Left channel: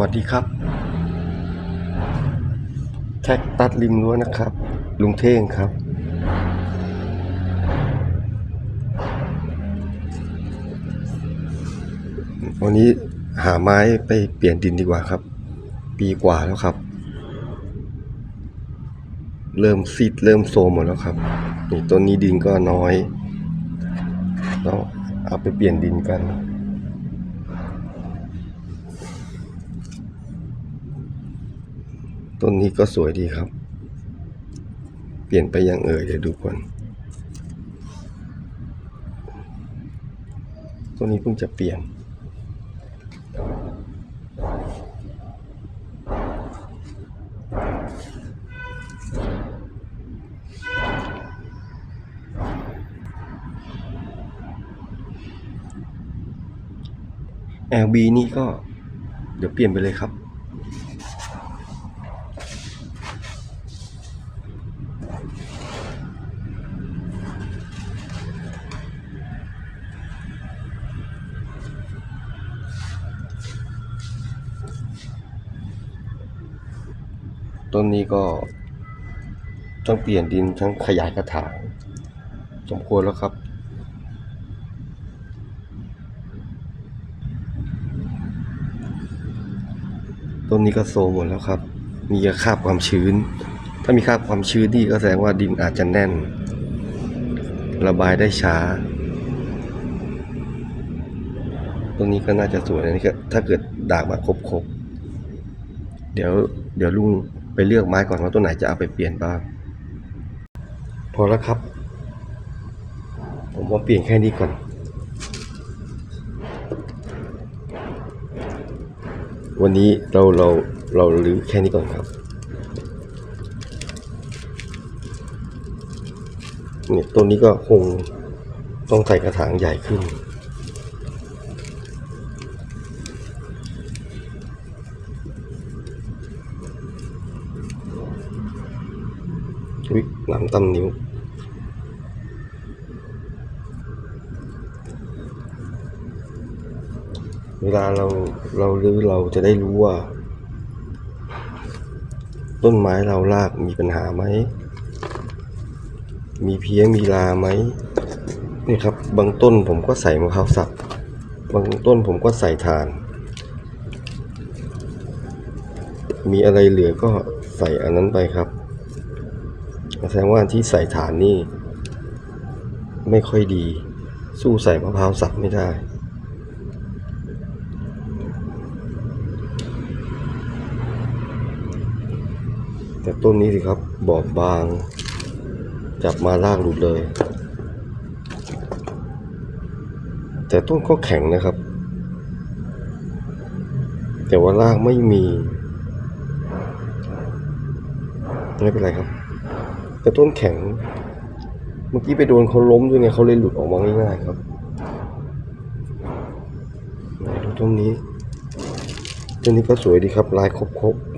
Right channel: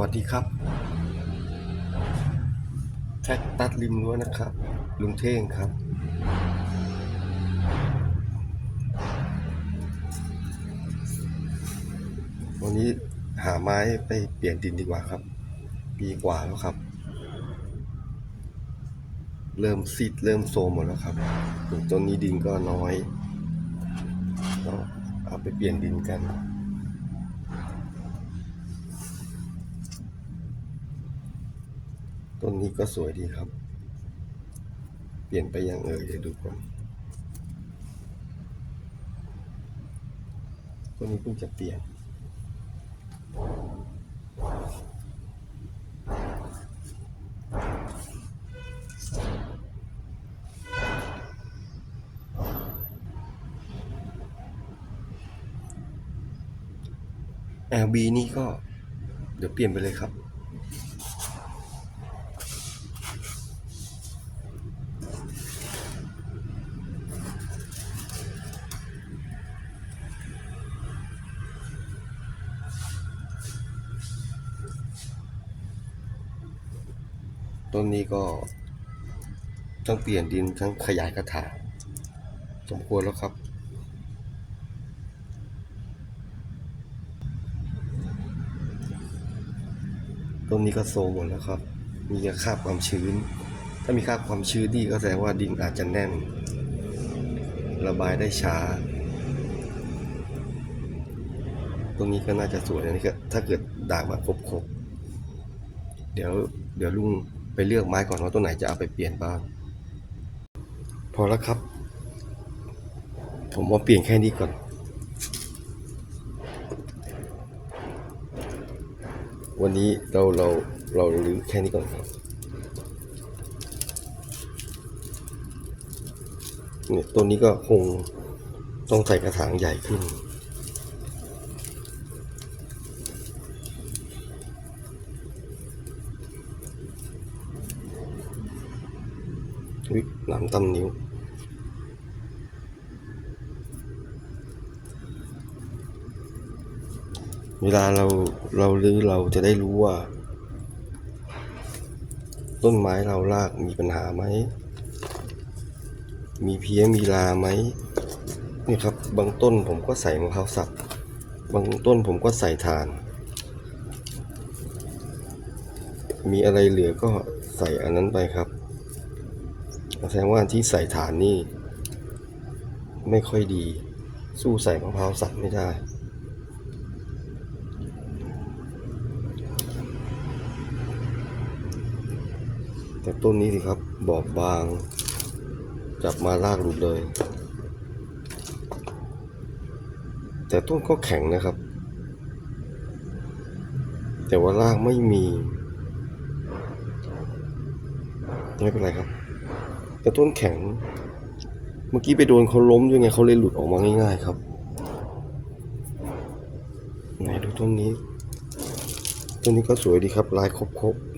วัสดีครับ แท็กตัดริมรั้วนะครับ ลุงเท่งครับ วันนี้หาไม้ไปเปลี่ยนดินดีกว่าครับ ปีกว่าแล้วครับ เริ่มซีดเริ่มโซมหมดแล้วครับนี่ต้นนี้ดินก็น้อยต้องเอาไปเปลี่ยนดินกัน ต้นนี้ก็สวยดีครับ เปลี่ยนไปยังเอ่ยเดี๋ยวดูก่อนต้นนี้เพิ่งจะเปลี่ยน LB นี่ก็เดี๋ยวเปลี่ยนไปเลยครับ ต้นนี้ก็ต้องเปลี่ยนดินทั้งขยายกระถางสมควรแล้วครับ ต้นนี้ก็โซมหมดแล้วครับ มีคราบความชื้น ถ้ามีคาบความชื้นนี่ก็แสดงว่าดินอาจจะแน่น ระบายได้ช้า ตรงนี้ก็น่าจะสวยนะนี่ก็ถ้าเกิดด่างมาครบๆ เดี๋ยวเดี๋ยวลุง ไปเลือกไม้ก่อนว่าต้นไหนจะเอาไปเปลี่ยนบ้าง พอแล้วครับ ผมว่าเปลี่ยนแค่นี้ก่อน วันนี้เราเราเราลื้อแค่นี้ก่อนครับเนี่ยต้นนี้ก็คงต้องใส่กระถางใหญ่ขึ้น อุ๊ยหลังตำนิ้ว เวลาเราเราลื้อเราจะได้รู้ว่า ต้นไม้เรารากมีปัญหาไหม มีเพี้ยมีลาไหมนี่ครับ บางต้นผมก็ใส่มะพร้าวสับบางต้นผมก็ใส่ถ่าน มีอะไรเหลือก็ใส่อันนั้นไปครับ แสดงว่าที่ใส่ฐานนี่ไม่ค่อยดี สู้ใส่มะพร้าวสับไม่ได้ แต่ต้นนี้สิครับบอบบาง จับมาลากหลุดเลย แต่ต้นก็แข็งนะครับ แต่ว่าลากไม่มี ไม่เป็นไรครับ แต่ต้นแข็ง เมื่อกี้ไปโดนเขาล้มด้วยไงเขาเลยหลุดออกมาง่ายๆครับไหนดูต้นนี้ต้นนี้ก็สวยดีครับลายครบๆ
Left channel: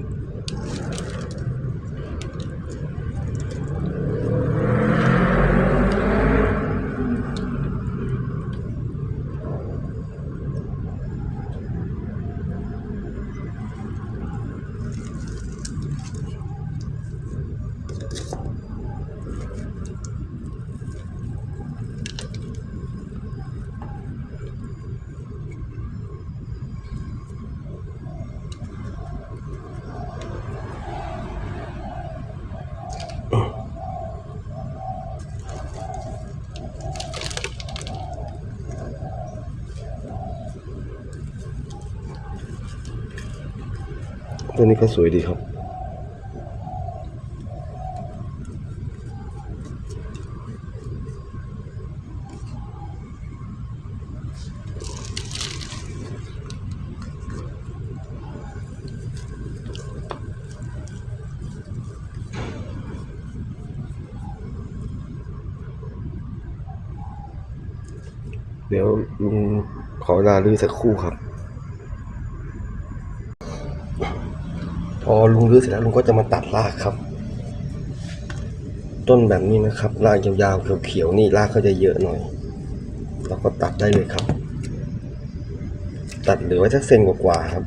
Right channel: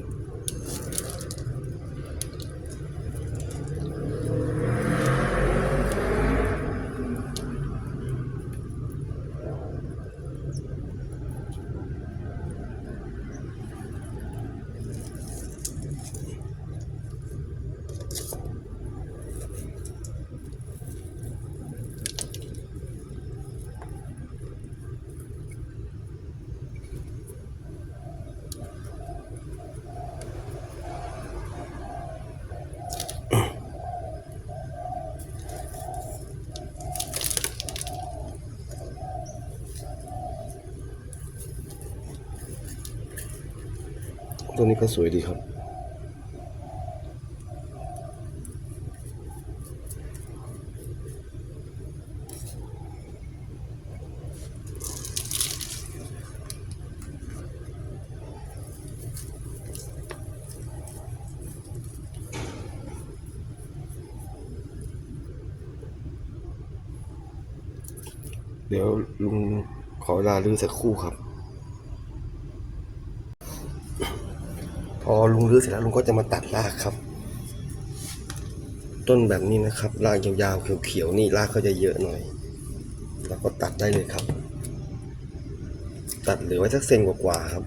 ต้นนี้ก็สวยดีครับ เดี๋ยวลุงขอเวลาลื้อสักครู่ครับ ลุงรื้อเสร็จแล้วลุงก็จะมาตัดรากครับ ต้นแบบนี้นะครับรากยาวๆเขียวๆนี่รากเขาจะเยอะหน่อยเราก็ตัดได้เลยครับ ตัดเหลือไว้สักเซนกว่าๆครับ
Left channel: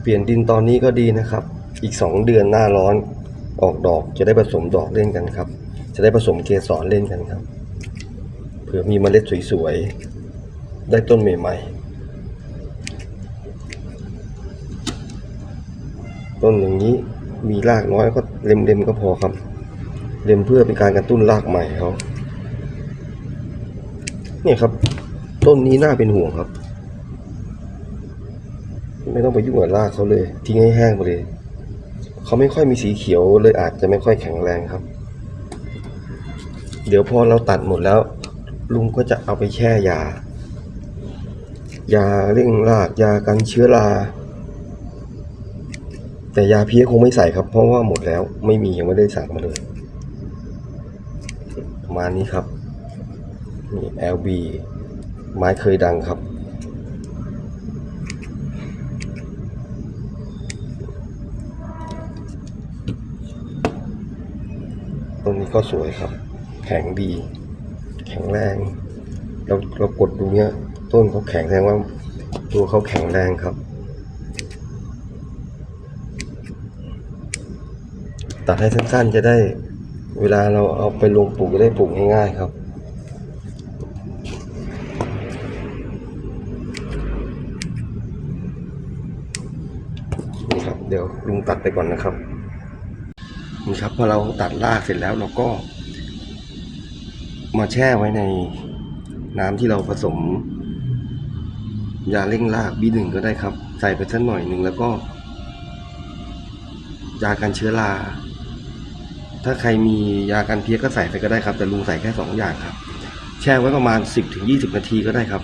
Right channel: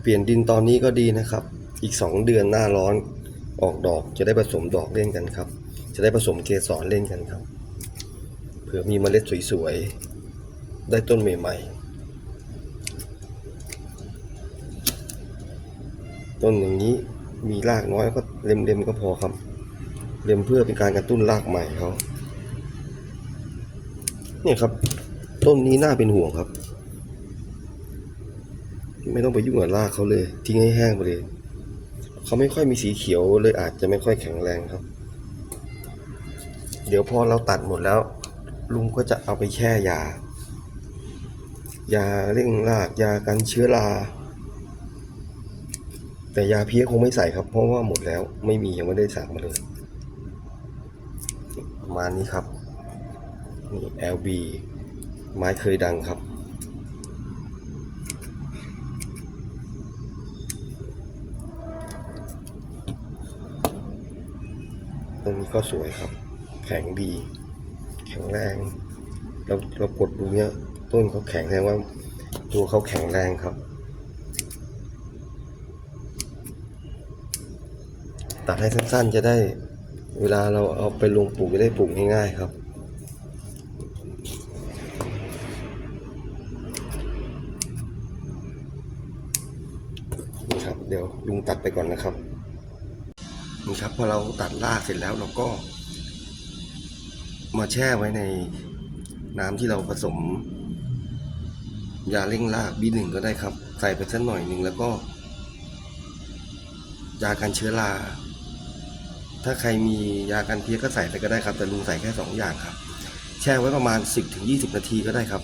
เปลี่ยนดินตอนนี้ก็ดีนะครับ อีก 2 เดือนหน้าร้อนออกดอกจะได้ผสมดอกเล่นกันครับ จะได้ผสมเกสรเล่นกันครับ เผื่อมีเมล็ดสวยๆ ได้ต้นใหม่ๆ ต้นอย่างนี้มีรากน้อยก็เล็มๆก็พอครับ เล็มเพื่อเป็นการกระตุ้นรากใหม่เขาเนี่ยครับ ต้นนี้น่าเป็นห่วงครับ ไม่ต้องไปยุ่งกับรากเขาเลย ทิ้งให้แห้งไปเลยเขาไม่ค่อยมีสีเขียวเลยอาจจะไม่ค่อยแข็งแรงครับ เดี๋ยวพอเราตัดหมดแล้ว ลุงก็จะเอาไปแช่ยา ยาเร่งรากยากันเชื้อรา แต่ยาเพี้ยคงไม่ใส่ครับ เพราะว่าหมดแล้วไม่มียังไม่ได้สั่งมาเลยประมาณนี้ครับนี่ LB ไม้เคยดังครับ ตรงนี้ก็สวยครับ แข็งดี แข็งแรง เราเรากดดูเนี้ย ต้นเขาแข็งแรงว่าตัวเขาแข็งแรงครับ ตัดให้สั้นๆจะได้เวลาเราเอาไปลงปลูกจะได้ปลูกง่ายๆครับ นี่ครับ เดี๋ยวลุงตัดไปก่อนนะครับนี่ครับพอเราตัดรากเสร็จแล้วเราก็ มาแช่ไว้ในน้ำที่เราผสม ยาเร่งรากบีหนึ่งก็ได้ครับ ใส่ไปสักหน่อยหนึ่งแล้วก็ยากันเชื้อรา ถ้าใครมียากันเพี้ยก็ใส่ไปก็ได้ครับ แต่ลุงใส่แค่สองอย่างครับ แช่ไว้ประมาณ 10ถึง20 นาทีก็ได้ครับ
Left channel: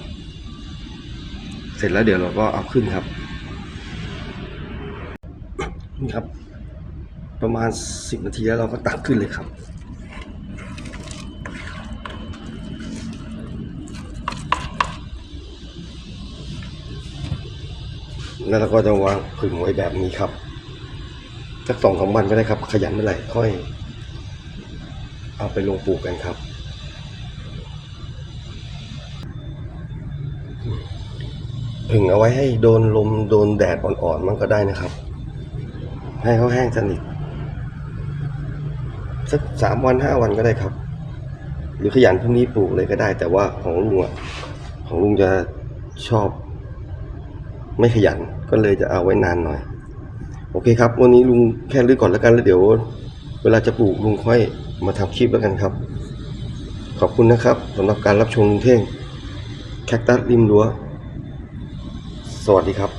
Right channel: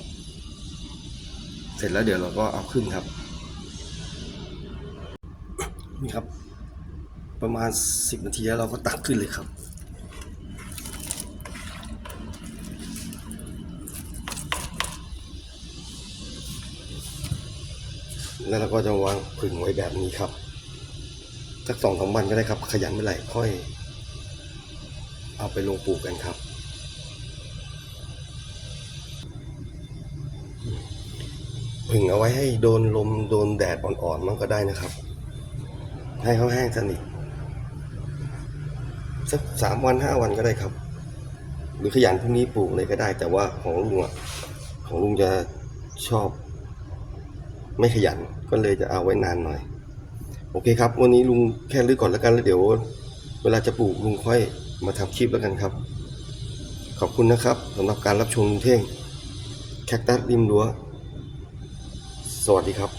เสร็จแล้วเดี๋ยวเราก็เอาขึ้นครับ นี่ครับ ประมาณ 10 นาทีแล้วเราก็ตักขึ้นเลยครับแล้วเราก็จะวางผึ่งไว้แบบนี้ครับ สักสองสามวันก็ได้ครับ ขยันเมื่อไหร่ค่อย เอาไปลงปลูกกันครับ ผึ่งเอาไว้ให้โดนลมโดนแดดอ่อนๆมันก็ได้นะครับ ให้เขาแห้งสนิทสักสามวันห้าวันก็ได้ครับ หรือขยันพรุ่งนี้ปลูกเลยก็ได้ แต่ว่าของลุงอะของลุงจะชอบ ไม่ขยันก็เลยจะเอาไว้นานหน่อย โอเคครับ วันนี้ลุงแค่เลือกก่อนแล้วกันแล้วเดี๋ยว เวลาจะปลูกลุงค่อย มาทำคลิปแล้วกันครับ ขอบคุณนะครับสำหรับการรับชมลุงเท่งแคคตัสริมรั้ว สวัสดีครับ